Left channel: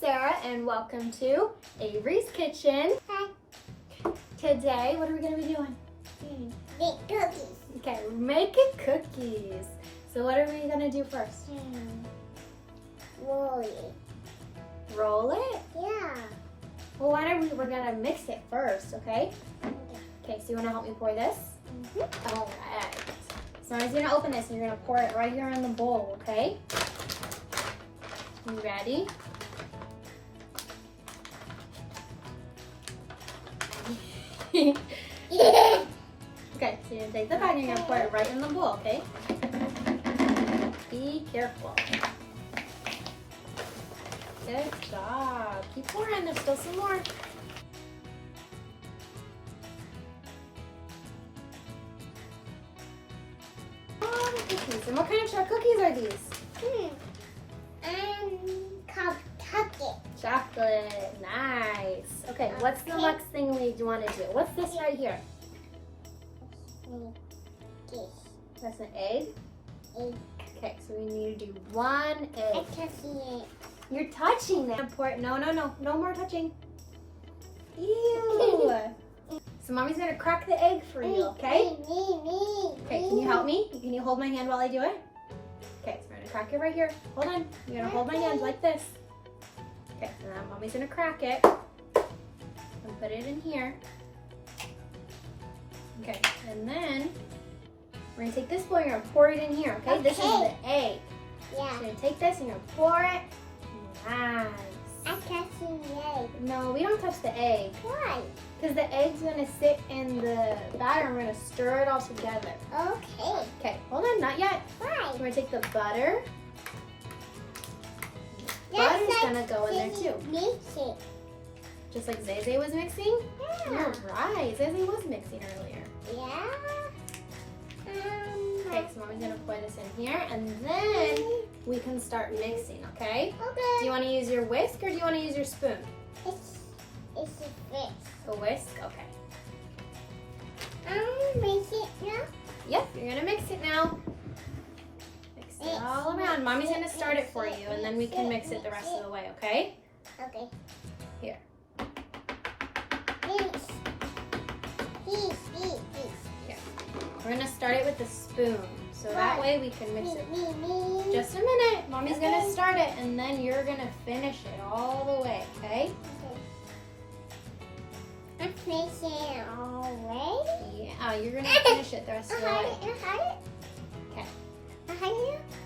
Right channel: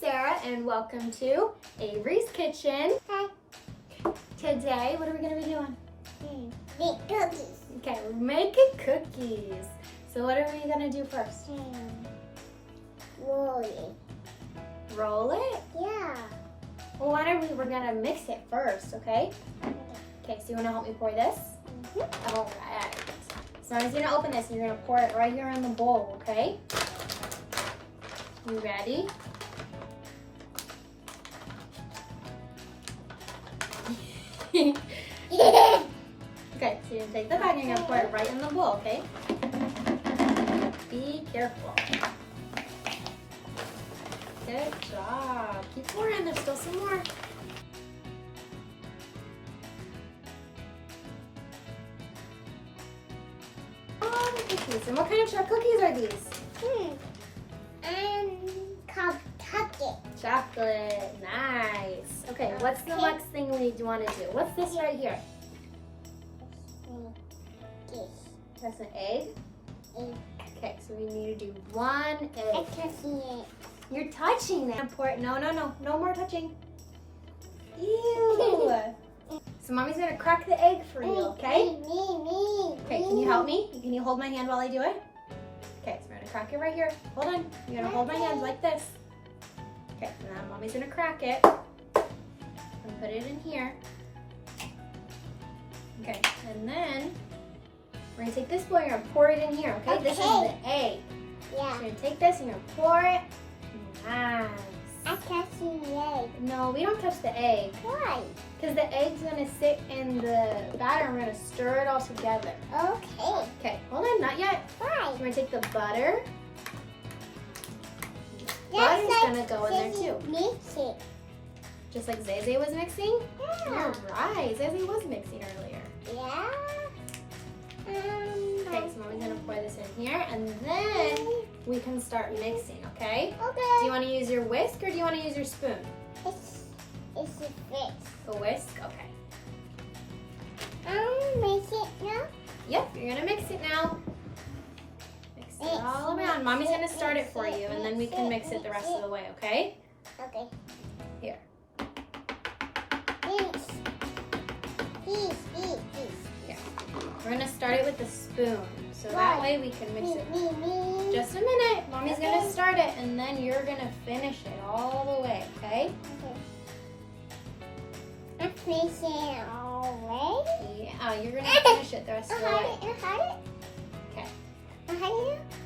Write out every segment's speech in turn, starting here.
Sarah and welcome to Averys Kitchen. Hi. Today, what are we going to be doing? Make cookies. Okay, we're making cookies. So what are we going to do first? Roll it. Roll it? Yeah. Well, why don't we're going to mix it first, okay? Okay, so you want to help me pour this? All right. So I'm going to open this and you're going to pour it right here in the bowl, okay? You ready? Okay, so you're going to take the bag and you're going to pour it right in the bowl, okay? Be careful. Good job. Keep pouring. There's still some more. Oh, the cookies. And what kind of cookies are these? Chocolate. Chocolate. Nice. Okay, what's the next thing we want to do? What's this right here? This. That's an egg? Egg. Okay, so we need to do one egg. I'm touching it. You're touching it. Pour it. No more touching. Ew. So mommy's gonna crack the egg for you, okay? Me. Okay, can you help me? Can you hold my hand while I do it? Okay, so we're gonna crack it right here. Hold on. You're gonna hold my hand like this. Okay, so now mommy's gonna crack it and put it in here. Okay, and then we're gonna take this bowl and you're gonna pour it in here, okay? This is the egg. So Yeah. you're gonna take this and you're gonna pour it. Nice. I'm touching the egg. No, we don't touch the egg. Why? Because the egg's gonna sit in the batter and we're gonna stir it all together. Okay. Okay, hold on, not yet. Why? We're gonna take the butter. Butter's gonna go in there too. Mix it. Just like Zay was mixing? Yeah. You're right, Zay was mixing earlier. Yeah. Okay, so mommy's gonna pour this in here and then we can start mixing, okay? Okay. Do you wanna use your whisk or do you wanna use your spoon? It's a fix. A whisk? Okay. Make it now. Yep, you're gonna mix it now. Mix it all around. Mommy's gonna start it for you and then we can mix it the rest of the way, okay? Okay. Here. This. Here. We're gonna start it with the spoon. So that way we can mix it. Me. Just a minute. Mommy's gonna start it and then you're gonna finish it all the way, okay? I'm finishing it all Yeah, you're gonna finish it the rest of the way. Okay.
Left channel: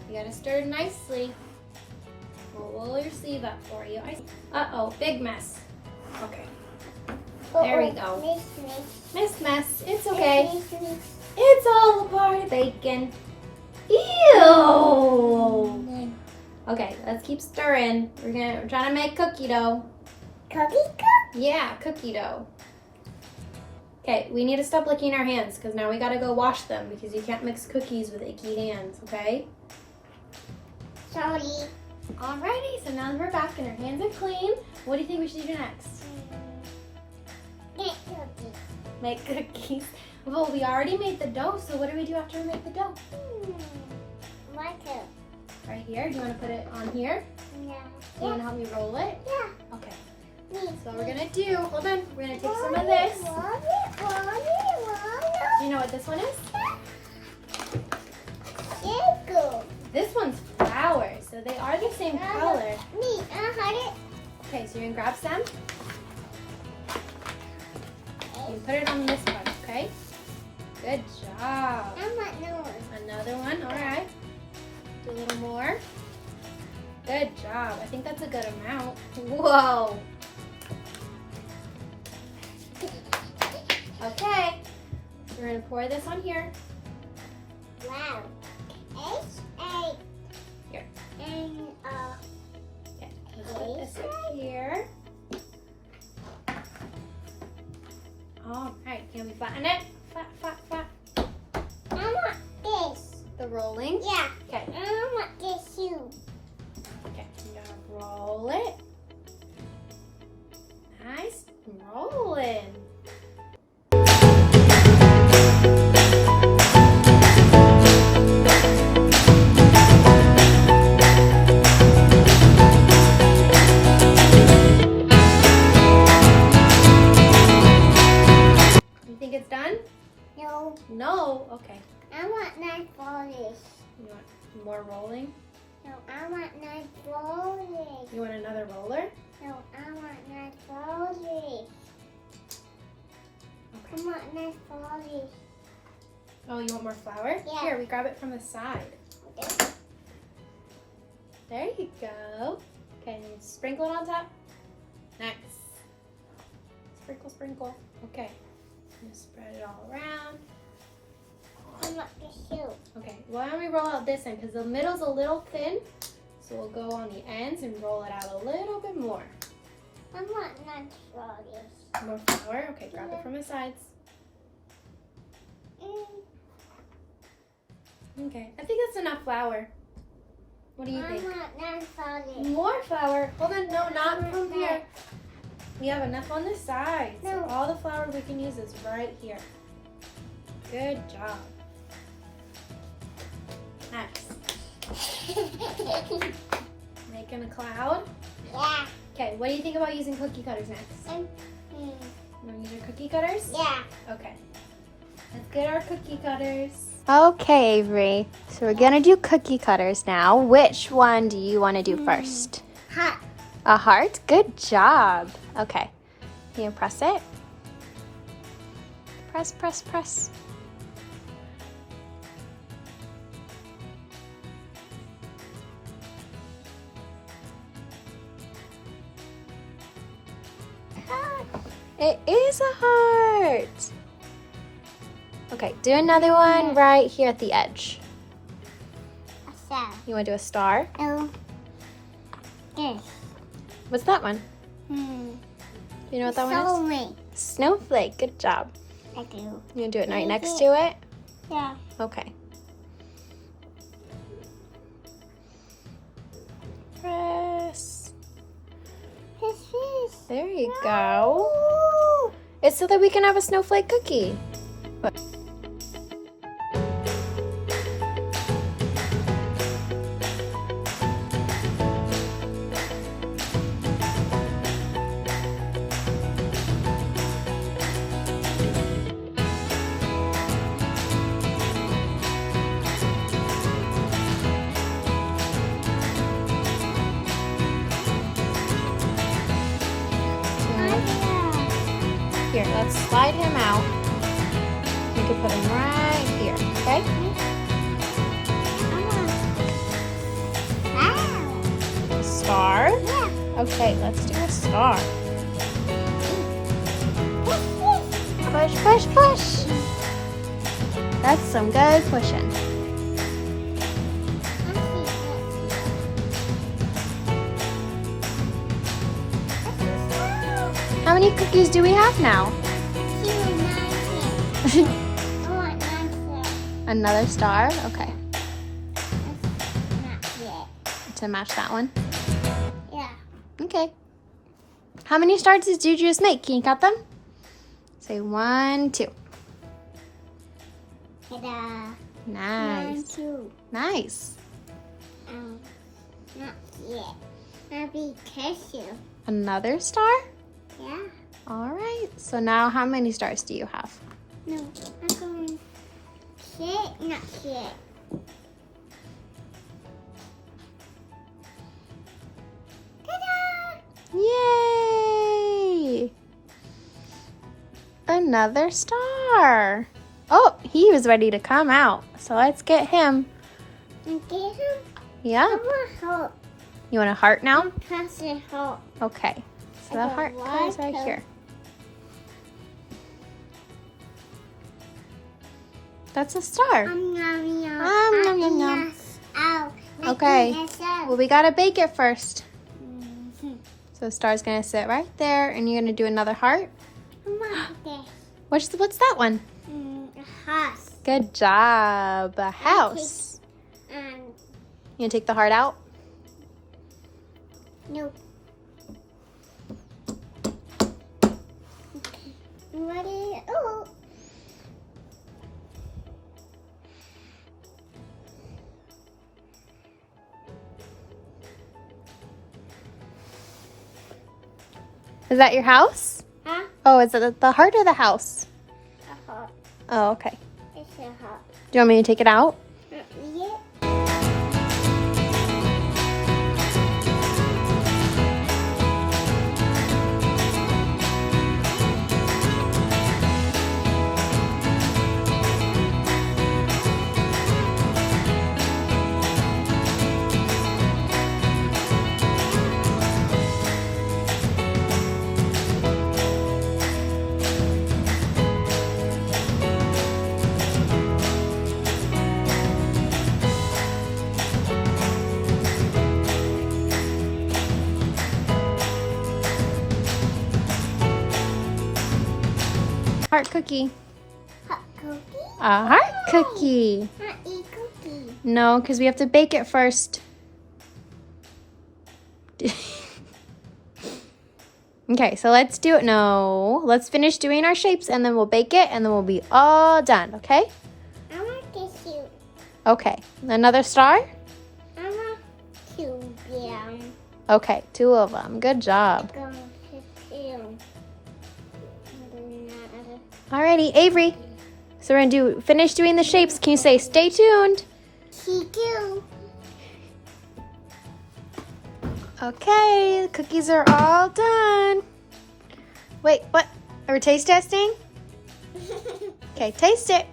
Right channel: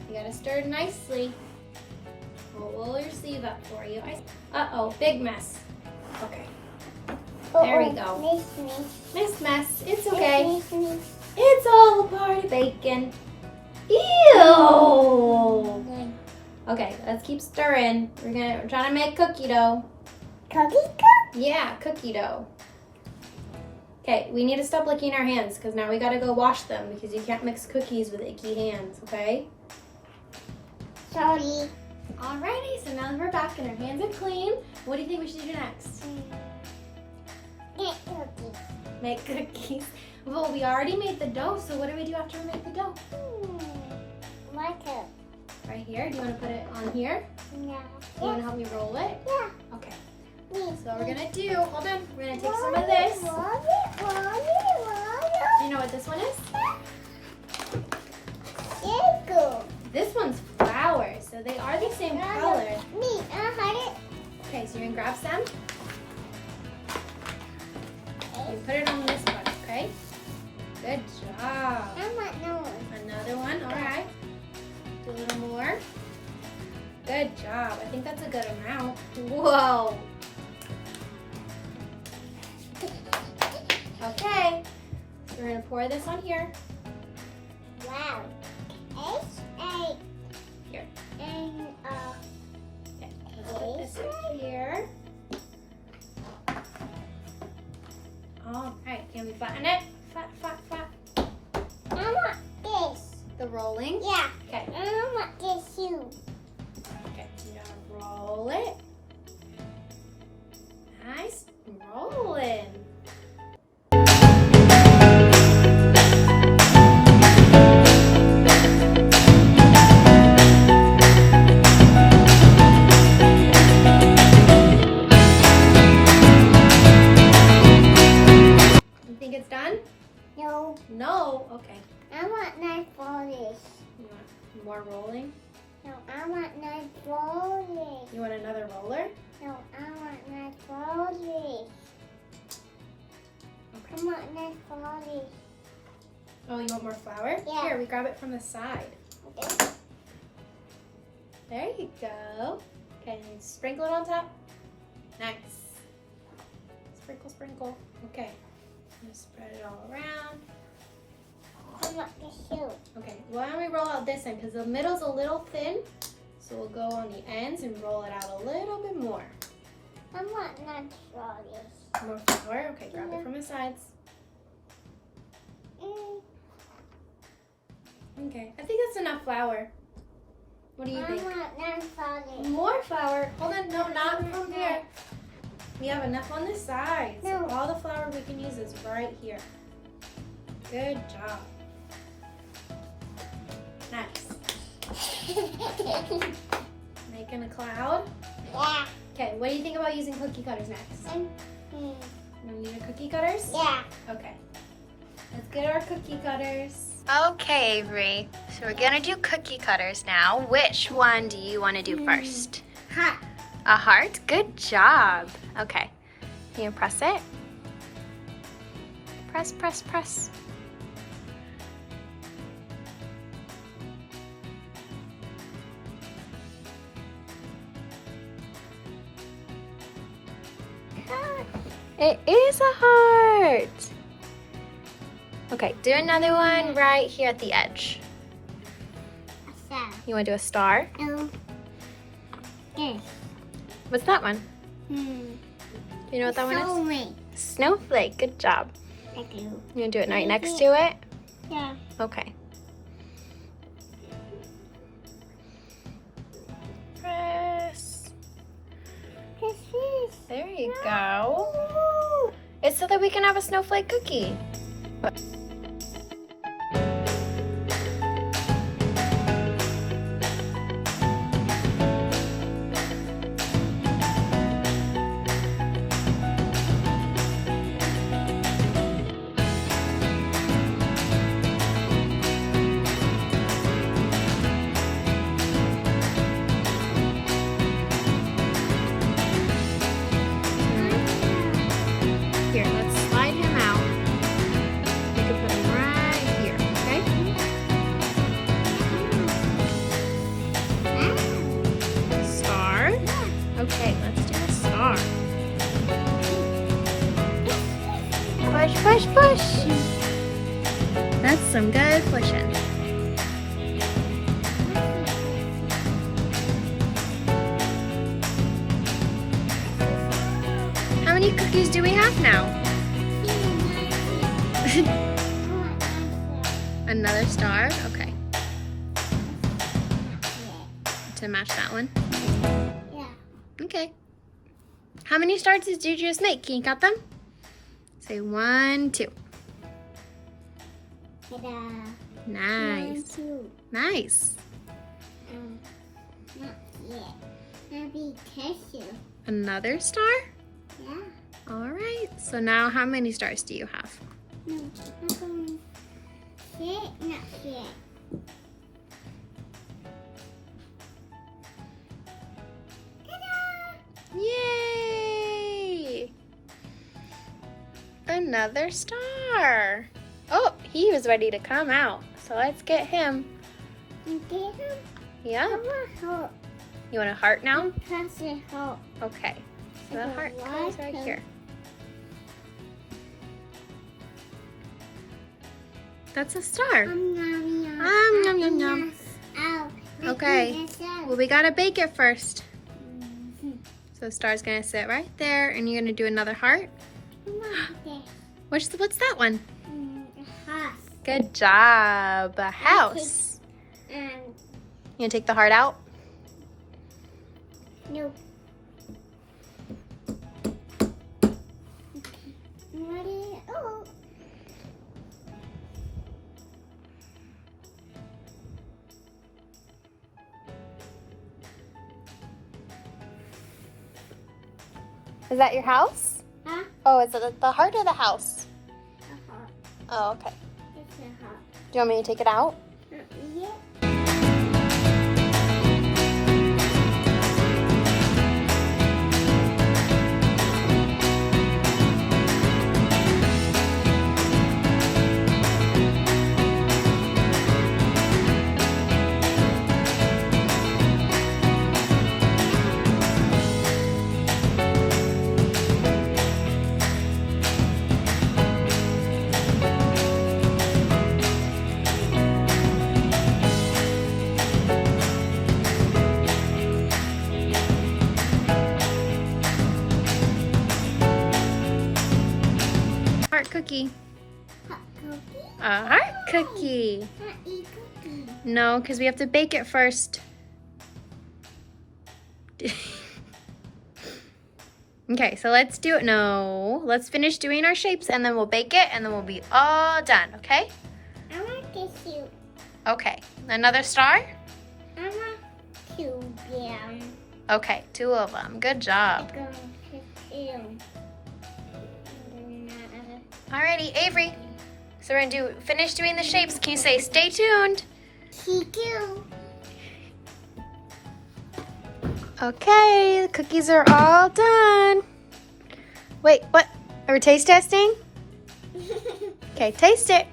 You gotta stir it nicely. We'll roll your sleeve up for you. Uh-oh, big mess. Okay. There we go. Miss mess. It's okay. It's all a part of bacon. Ew! Okay, let's keep stirring. We're trying to make cookie dough. Cookie? Yeah, cookie dough. Okay, we need to stop licking our hands because now we gotta go wash them because you can't mix cookies with icky hands, okay? Sorry. Alrighty, so now that we're back and our hands are clean, what do you think we should do next? Make cookies. Make cookies. Well, we already made the dough, so what do we do after we make the dough? Water. Right here. Do you want to put it on here? Yeah. You want to help me roll it? Yeah. Okay. So what we're gonna do, hold on, we're gonna take some of this. Do you know what this one is? This one's flour, so they are the same color. Okay, so you're gonna grab some. You put it on this one, okay? Good job. Another one, all right. Do a little more. Good job. I think that's a good amount. Whoa. Okay, so we're gonna pour this on here. Wow. Here. And Okay, let's put this right here. All right, can we flatten it? Flat. I want this. The rolling. Yeah. Okay. I want this too. Okay, you're gonna roll it. Nice, rolling. Oh, okay. I want nice rollies. You want more rolling? No, I want nice rollies. You want another roller? No, I want nice rollies. Okay. I want nice rollies. Oh, you want more flour? Yeah. Here, we grab it from the side. Okay. There you go. Okay, and sprinkle it on top. Nice. Sprinkle, sprinkle. Okay. Just spread it all around. I want this too. Okay, why don't we roll out this end? Because the middle's a little thin. So we'll go on the ends and roll it out a little bit more. I want nice rollies. More flour. Okay, grab it from the sides. Okay, I think that's enough flour. What do you think? I want nice rollies. More flour. Hold on, no, not from here. We have enough on the sides. So No. all the flour we can use is right here. Good job. Nice. Making a cloud. Yeah. Okay, what do you think about using cookie cutters next? You want to use our cookie cutters? Yeah. Okay. Let's get our cookie cutters. Okay, Avery. So we're gonna do cookie cutters now. Which one do you want to do first? Hot. A heart? Good job. Okay. Can you press it? Press, press, press. It is a heart. Okay, do another one right here at the edge. A star. You want to do a star? No. This. What's that one? Hmm. Do you know what that one is? Soulmate. Snowflake. Good job. Thank you. You want to do it right next to it? Yeah. Okay. Press. This is. There you go. It's so that we can have a snowflake cookie. Here, let's slide him out. We can put him right here, okay? Star? Yeah. Okay, let's do a star. Push, push, push. That's some good pushing. How many cookies do we have now? Another star? Okay. To match that one? Yeah. Okay. How many stars did you just make? Can you count them? Say 1, 2. Ta-da. Nice. 1, 2. Nice. Not yet. Maybe tissue. Another star? Yeah. All right. So now how many stars do you have? No. I'm going shit. Not shit. Ta-da! Yay! Another star. Oh, he was ready to come out. So let's get him. And get him. I Yeah. want hope. You want a heart now? Press the hope. Okay. So the Okay, heart what comes right color? here. That's a star. Yum, yum, yum. Yum, yum, yum. Ow. Okay. Well, we gotta bake it first. Mhm. So the star's gonna sit right there, and you're gonna do another heart. I want this. What's that one? A house. Good job. A house. You gonna take the heart out? Nope. I'm ready. Oh. Is that your house? Huh? Oh, is it the heart or the house? A house. Oh, okay. It's too hot. Do you want me to take it out? Yeah. Heart cookie. Hot cookie? A heart cookie. Hot eat cookie. No, because we have to bake it first. Okay, so let's do it. No, let's finish doing our shapes and then we'll bake it and then we'll be all done, okay? I want to shoot. Okay, another star? I want to down. Okay, 2 of them. Good job. Go to two. Alrighty, Avery. So we're gonna finish doing the shapes. Can you say stay tuned? She do. Okay, the cookies are all done. Wait, what? Are we taste testing? Okay, taste it.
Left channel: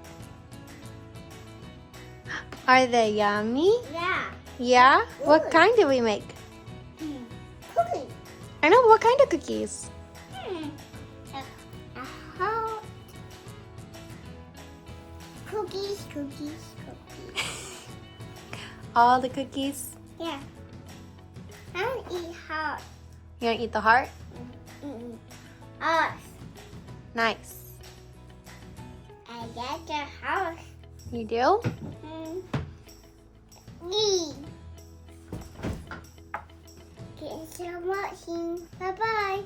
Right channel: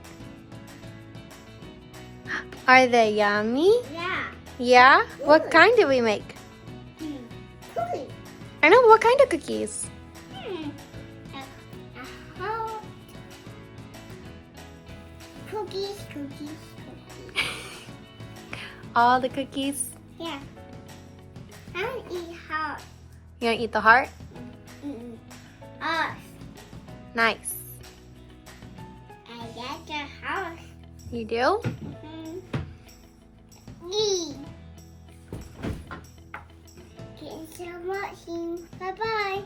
Are they yummy? Yeah. Yeah? What Good. kind did we make? Cookie. I know, what kind of cookies? A hot cookies, cookies, cookies. All the cookies? Yeah. I don't eat hot. You wanna eat the heart? Us. Nice. I got the house. You do? Me. Thanks for watching. Bye bye.